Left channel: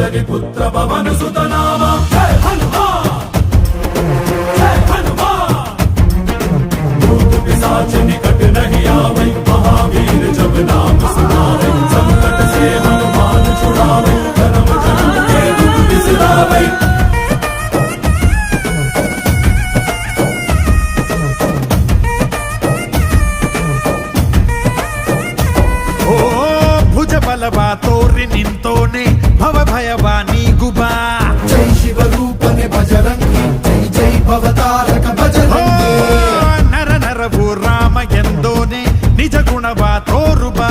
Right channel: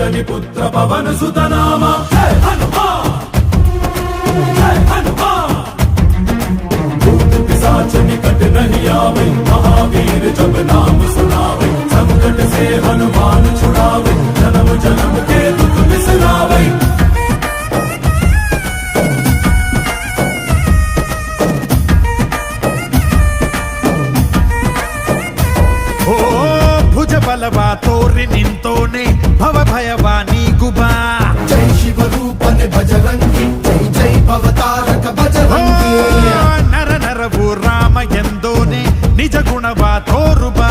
अंजलि पुत्र पवन सुत नामा जय हनुमान जय हनुमान भूत पिशाच निकट नहीं आवे महावीर जब नाम सुनावे संकट से हनुमान छुड़ावे जन्म जन्म के दुख बिसरावे ओ ಭುಜ ಬಲವ ತೋರಿ ನಿಂತೋನೆ ಭವ ಭಯವ ನೀಗುಬಾ ಜೈ ಶಿವರೂಪನೆ ಬಜರಂಗಿ ಜೈ ಜೈ ಭವತಾರಕ ಬಜರಂಗಿ ನರ ನರವು ರಾಮ ಎಂದೋನೆ ನಿಜ ಗುಣವ ತೋರುಬಾ